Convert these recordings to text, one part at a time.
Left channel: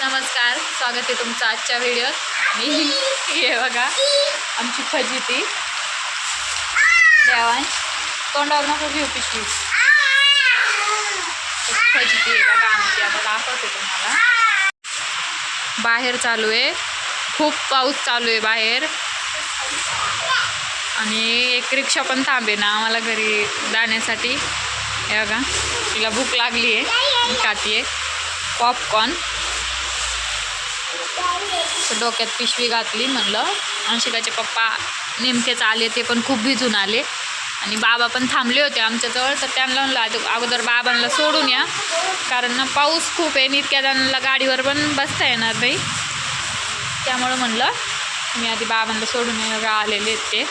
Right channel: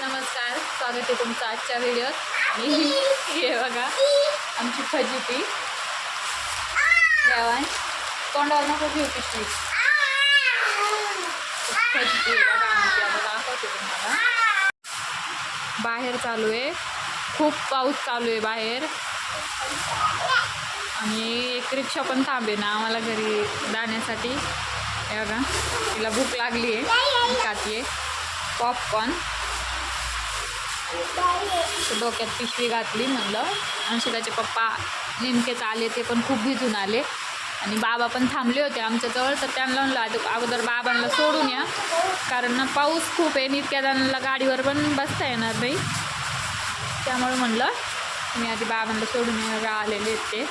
नमस्कार स्वागत आहे तुमचं आजच्या व्हिडिओत आणि हे बघा आमची फजिती. देवान तोंडावर नको घेऊ पिशवी. फजिती आहे बघा आमची आता दाखवते तुम्हाला. बाहेर चालू आहे. खूप पाऊस चालू आहे बाहेर. आणि एक रिक्षा पण थांबे ना आम्हाला घरी जाण्यासाठी. हे बघा तिला भूक लागली आहे. खाती आहे. पॉपकॉर्न डोक्यात पिशवी घातली म्हणलं. अंशिकाचे पप्पा नेमकेच आले ते पण खूप भिजून आले. आणि बाबा पण थांबले होते आमच्याजवळ तर त्यांना म्हणलं अगोदर बाबांना सोडून या. कारण ना पाऊस खूप आहे आणि इतक्या जणांना गाडीवर पण बसता येणार नाही. त्यामुळं म्हणलं मी आधी बाबांना सोडून या आलेले आहेत ते.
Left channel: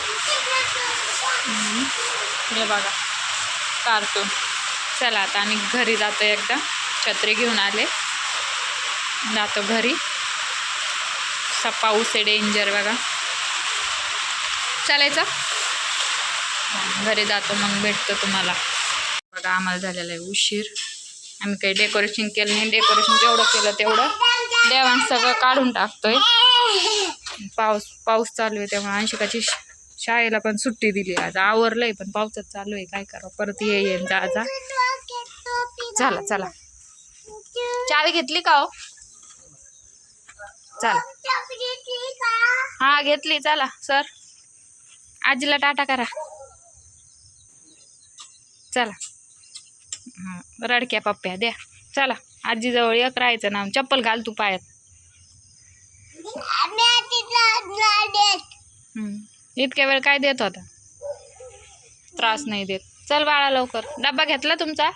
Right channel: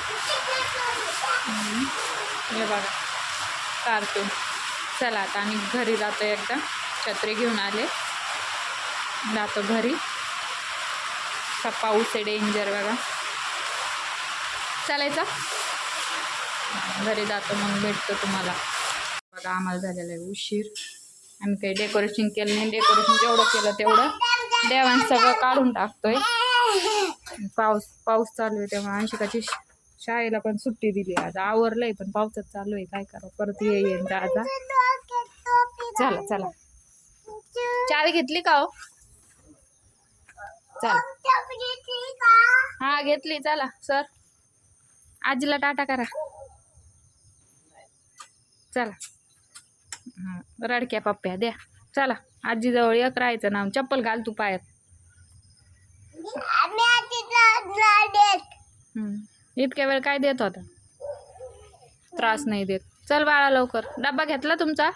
हे बघा कार्टून चला आता आम्ही घरी जातो एकदा. छत्री घेऊन आले. जातो घरी. असा पाऊस आहे डेंजर बघा. चालायचा? घरी जातो मग भेटतो तुम्हाला. बघा आम्हाला झालेला आहे उशीर. आम्ही काही डेकोरेशन केलं नाही. डेकोरेशन जेवढं केलं तेवढं देवान सगळं काढून टाकतोय. पाऊस पाऊस चालू आहे त्यामुळे अंशिकाची शाळेला पण सुट्टी दिली आज आवरलंय पण पावसात चालू आहे. काय करावं? परत ये येईन जा जा. चला चला. चावी घेतली का हो? चला. हा घेतली. चला सर. आजीला टाटा करा. चला. रडक्या पप्प्या द्या. चला आजीजवळ एक राहायचं ना चप्पल घाल तू पायात. इतक्या वेळ काय देत होता? त्रास नाही देत. चल बाळा लवकर. डब्बा घेतला तुमचा?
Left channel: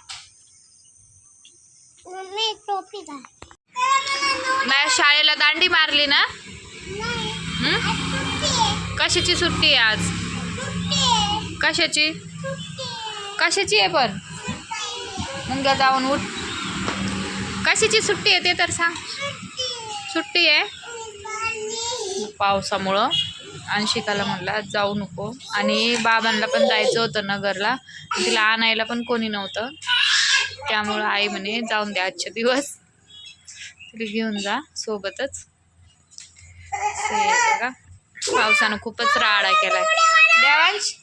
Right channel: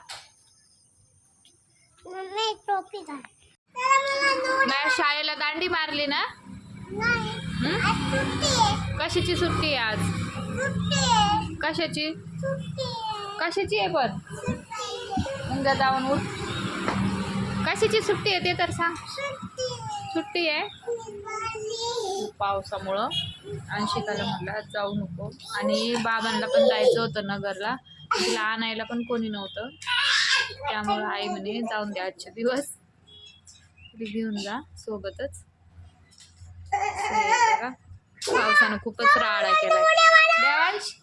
माझ्या शाळेला दांडी मारली ना? हम्म? कशाची सुट्टी आहे आज? कशाची? कशाची आहे पण? मुंग्या जाऊन उठ. कशाची सुट्टी आहे ते तर सांग. सुट्टी आहे. पावसामुळं. अंशिकाला म्हणलं आज जाऊ नको. आणि बाबांना पण जायचं होतं नगरला. तिला आणायला पण कोणी नव्हतं. त्यामुळं आई म्हणे जाऊन द्या आजचे दिवस. तिला घेऊन जा सोबतच. बघा. पावसानं खूपच राडा केलाय. देवांश.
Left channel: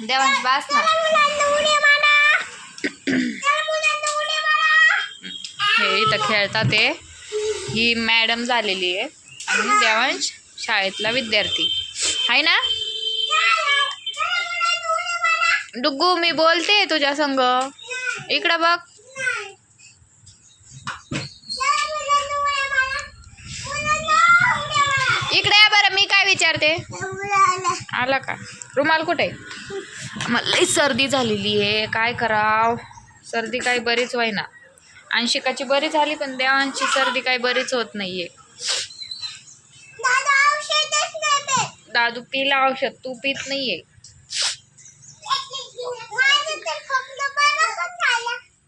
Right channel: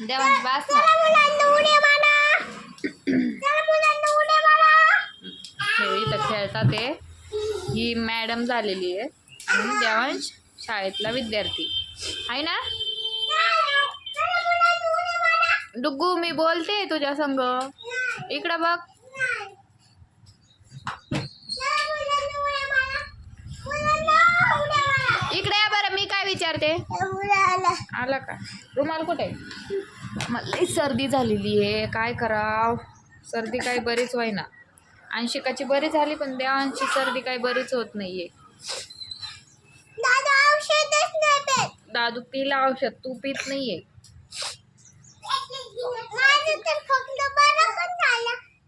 देवांश बास ना. हे इथं खेळतात ते ही मॅडम झालेली आहे. आणि देवांश शाळेतला विद्यार्थी. आहे ना? डुग्गू मी बोलते तुझ्या संग. इकडं बघ. इकडे या बरं मी काय विचारते? आला का? रुमाल कुठे? मला लई सर्दी झालेली आहे. काय कराव? सर्दी काही बरीच होईना. अंशिकाची बरी झाली पण देवांची सर्दी काही बरीच होत नाहीये. दादू पिला औषध तू पित नाहीये.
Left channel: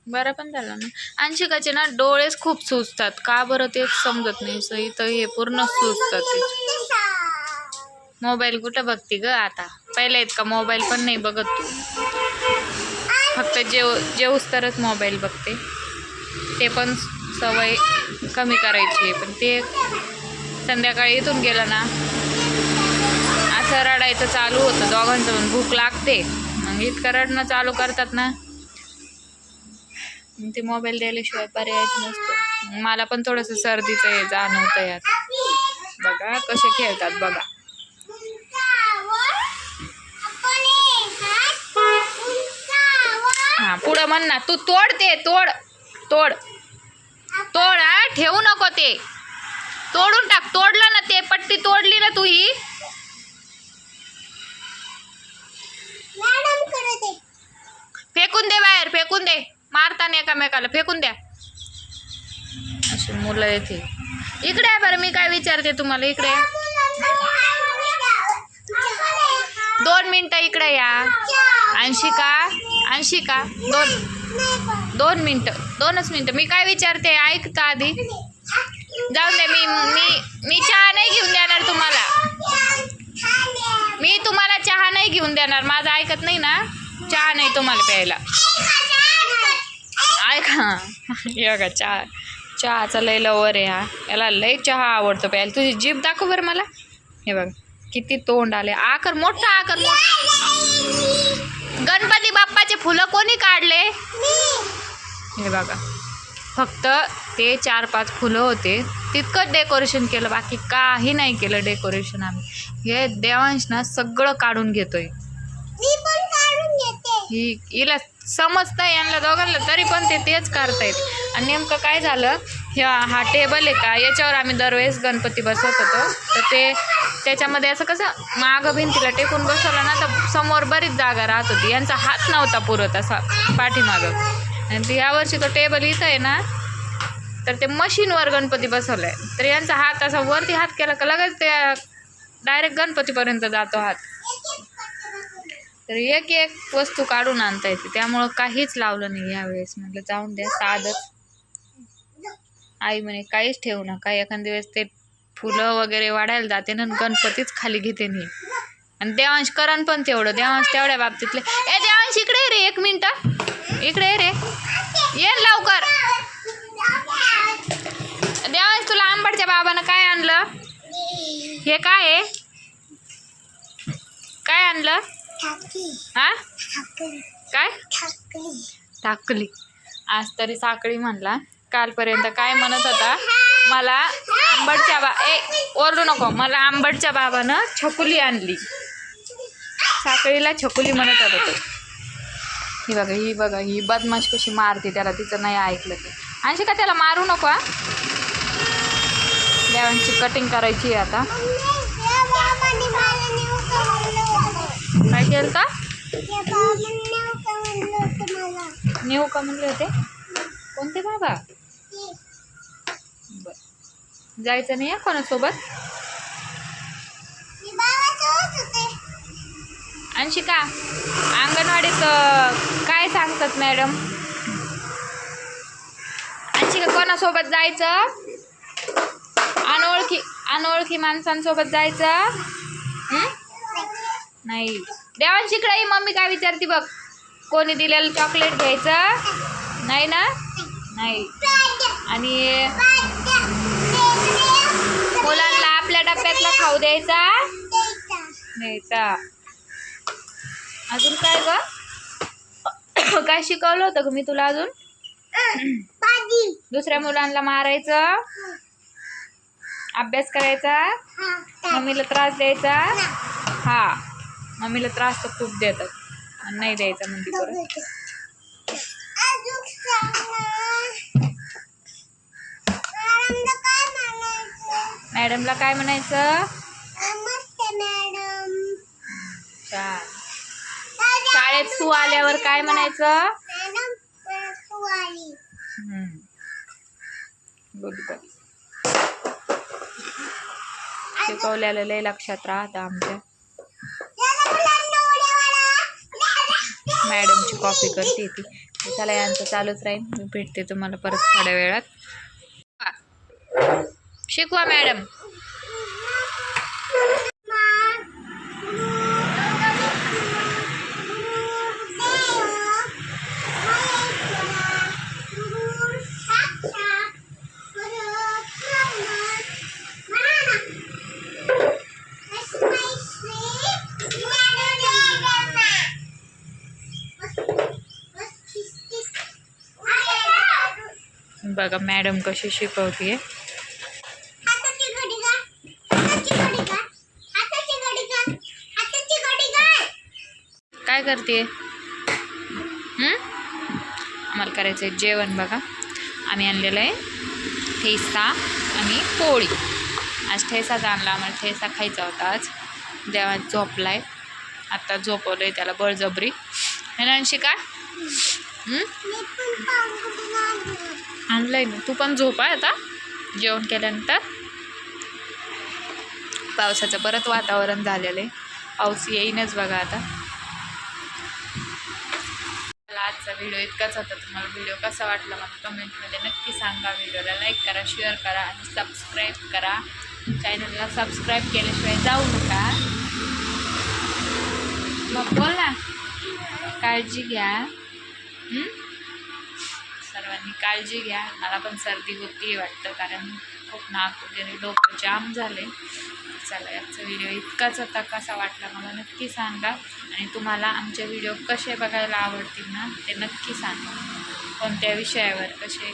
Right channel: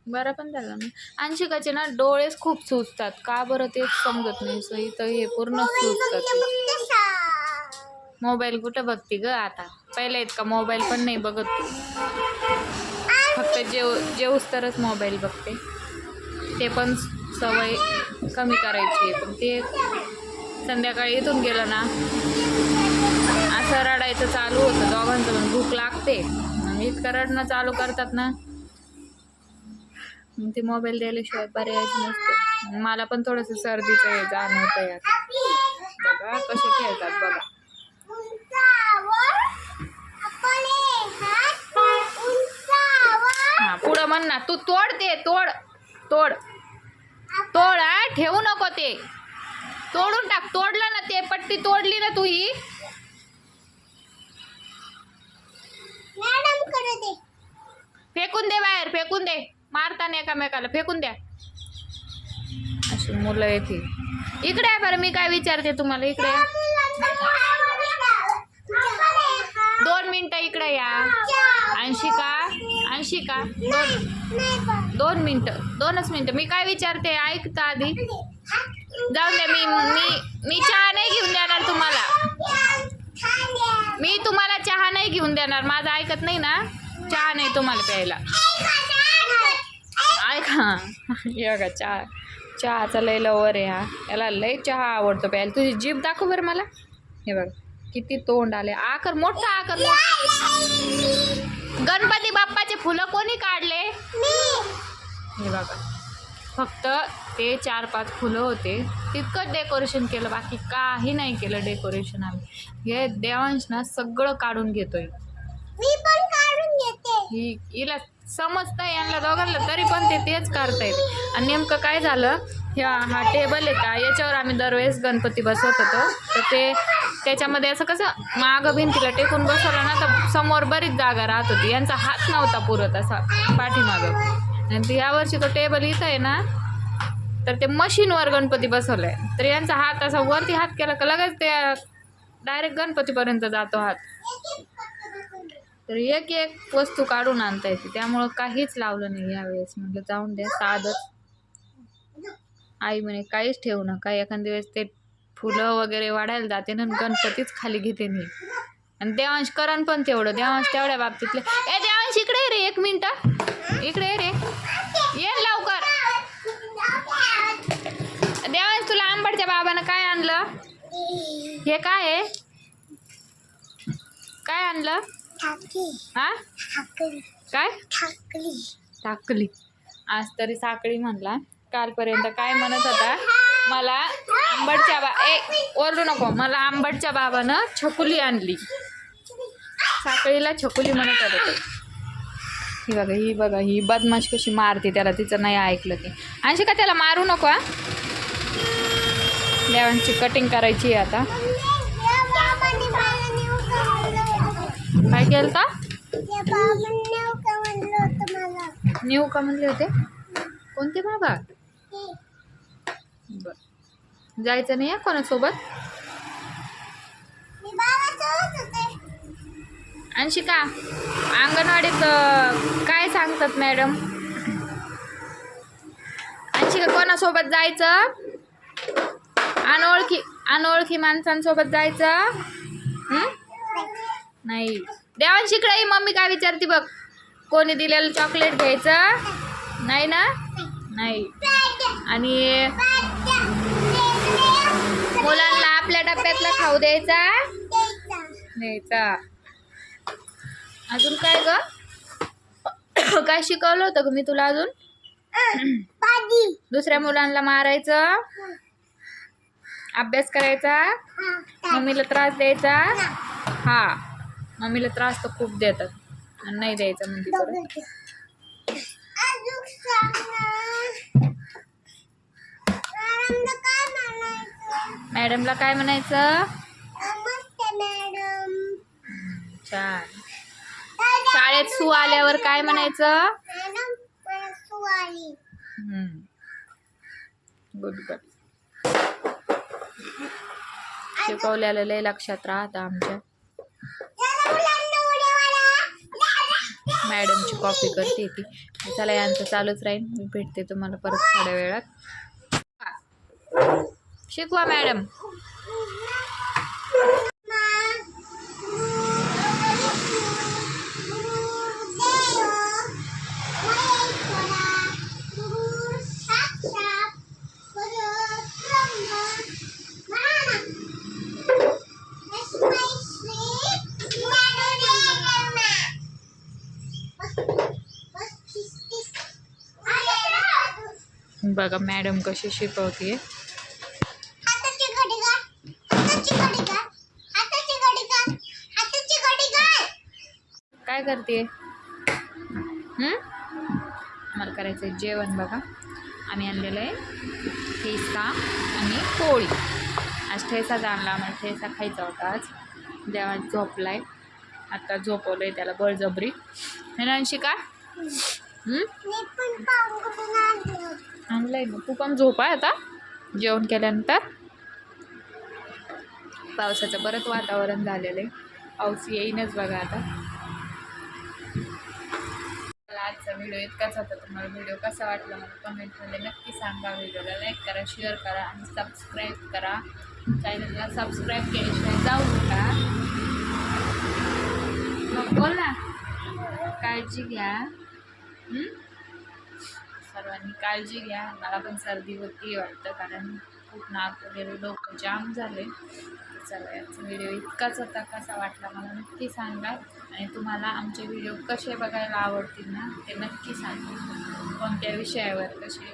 बरं पण झालं ना. अंशिकाचे ना डोळेच खूप सुचतात का बरं तेच समजत नाही. सई तर हे पूर्ण सुचतात मोबाईल कुठं बघते ग आता? पहिला इतका मोबाईल पण नाही बघत तू. फक्त जेव जेवूस तरच मोबाईल बघते. ते पण सवय कमी करायची आहे पण ते संध्याकाळी इथून गेलं ना असं रडायचं चालू होतं. दोघांचं पण भूक लागते. मग इतकं रडणं चालू करतात ना. मग ते मोबाईल द्यायल्याशिवाय पर्यायच नसतो. मला पण थोडंसं सर्दीचं हे जाणवतं यात बघा कसे खेळतात बघा. पुढं म्हण ना. तू तोड ते तोड तोड. तोड हा ठेवू नको ते. तोडून टाक. तोडलं ना ते पट्टी तोडली ना तू ही फेकून दे बाहेर फेकून दे. मारताना एकामेकाला फेकून द्या. अशी मुलं येते इकडे आहे बरं मी काय विचारते तुम्हाला? इकडे. दोन मिनिटं इकडे या. अंशिका. ऐंशी का? दोन. दोन मिनटं. दोनच मिनटं. मी काय विचारते? ऐकता आधी? जाऊन दे मी मी मी चहा नाही घेऊन देणार तुम्हाला. मी तुम्हाला चहा नाही घेऊन देणार. माझं ऐकत नाही ना? चहा नाही तुम्हाला प्यायला. ऐका हे. बघा चहा. चहाचा लय लवर आहे हा. याला लय चहा आवडतो प्यायला. तुझी जीभ दाखव बरं मला. हे बघ किती तोंड आले आकर मोठा आकर मोठा. गणपती बाप्पाचे फुलं कोणी काढले? हे बघा. फक्त ते चार पाच फुलं होते. तितकंच डेकोरेशन केलं. बाकी काही नाही केलं डेकोरेशन आम्ही. हे देवांश ना सगळं काढून घेतोय. ही हिला समजतंय यांना दोघांना तरी पण ते तेच करतायत आणि नेमकं काय झालं? ह्या हा टेबल आहे का? याच्यावर आम्ही दरवेळेस गणपती बसवत होतो. तर ते त्याच्यामध्ये असं कसं मागं भिंतीला टेकून बसवलं ना तर समोर बरीच जागा राहत होती. यांचा हात नव्हता पुरत असा पाठीमागं. आणि यावर्षी तो टेबल इथं आहे ना तर ते मशीनवर गणपती बसवलं आहे तर यांचा हात असा वरती हात केला का लगेच ते डायरेक्ट गणपतीपर्यंत जातो हात. तर एक एक वस्तू काढून आणता येते. त्यामुळं काहीच लावलं नाही यावेळेस. म्हटलं जाऊन द्या साधच. आई म्हणे काहीच ठेवू नका. एखाद्या वेळेस ते फुलं वगैरे वाढायला जाते ना गणपतीच खाली घेते नाही आणि देवांश करण पण तेवढं देवांश तेवढ्या बाबतीतले ए देवांश इकडे ये रे एक मिनिट. इकडे रे. ये लवकर. देवांश तुला आंबटच्या बाबानं काय आणलं? हे काय आहे? काय आणलं? हा? काय? टाकली आज तरी साखळी म्हणला. कालपर्यंत काय म्हणत होता? मला आंबटच्या बा ए ओरडू नको. मला आंबटच्या बाबानं छकुली आणली. साखळीला छकुली म्हणत होता ही बघा ही बघा ही बदमाश कशी मारते त्याला तिचं नाही ऐकलं ते. आणशी का त्याला मारू नको? देवांची कटिंग करायची आहे आता. काय केलं का? नेऊ का म्हणलं होतं? कोणते बाबा? जायचं नाही आहे कोणासोबत? होते. अंशिका अंगणवाडीत काय सांगतात मॅडम? अंशिका कोणासोबत जायचं? अनोळखी अनोळखी माणसांसोबत जायचं? नाही. देवांशिकडे मम्मी काय विचारते बघ. कोणी दिलेलं चॉकलेट घ्यायचं? नाही ना? नाही. आणि मुलांना आपल्या डब्यातला खाऊ द्यायचा? द्यायचा. अजून काय ग? काय शिकवलं होतं ग मी तुला अजून? दुसऱ्या मुलांना मारायचं? अभ्यास करायचा? मम्मीला त्रास द्यायचा? हा. मम्मीला त्रास तर खूप देतात. आणि नाही द्यायचा म्हणते परत. मॅडमला काय म्हणायचं? छान. शाळेत सू आल्यावर काय म्हणायचं? गुड शिकवलेलं लय लक्षात राहतं आमच्या. मॅडमची कॉपी करते ती. चला यांचं चालूच राहील. मी भेटते तुम्हाला परत थोड्या वेळात. शिकवा मॅडम. बघा मॅडम कशी शिकवते काय करते? आम्हाला करायचं आहे जेवण बघा. आम्ही आणलेलं आहे ठेसा आणि पोळी. आज ठेसाच आणला आम्हाला ठेसा खायचा होता आज. देवा झोपला आहे आत्ता झोपवलं आहे त्याला बळजबरी. है ना आणलं आहे ना. तू पण झोपा आता. जेवण केल्यानंतर. पावसाचं परत वातावरण झालेलं आहे. पाऊस येईनच बघा आता. आजचा व्हिडिओ इतकाच होता तुम्हाला व्हिडिओ कसा वाटला मला कमेंटमध्ये नक्की सांगा. व्हिडिओला लाईक करा शेअर करा आणि सबस्क्राईब करा. चॅनलला सबस्क्राईब केल्याशिवाय जाऊ नका. मग बोल. ना काळजी घ्या. सर्वांनी काळजी घ्या. मला पण सर्दी होती वाटतं कारण खूप नाक वगैरे डोकं जाम झाले. चला याचा व्हिडिओ इतकाच होता कसा वाटला मला नक्की सांगा. आणि तुम्हाला आमचे व्हिडिओ कसे बघायला आवडतील ना ते नक्की सांगा. कोणत्या विषयावर कसे?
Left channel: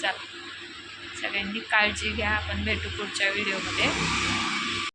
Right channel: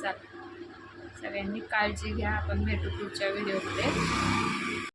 चला सगळ्यांनी काळजी घ्या. आपण भेटू पुढच्या व्हिडिओमध्ये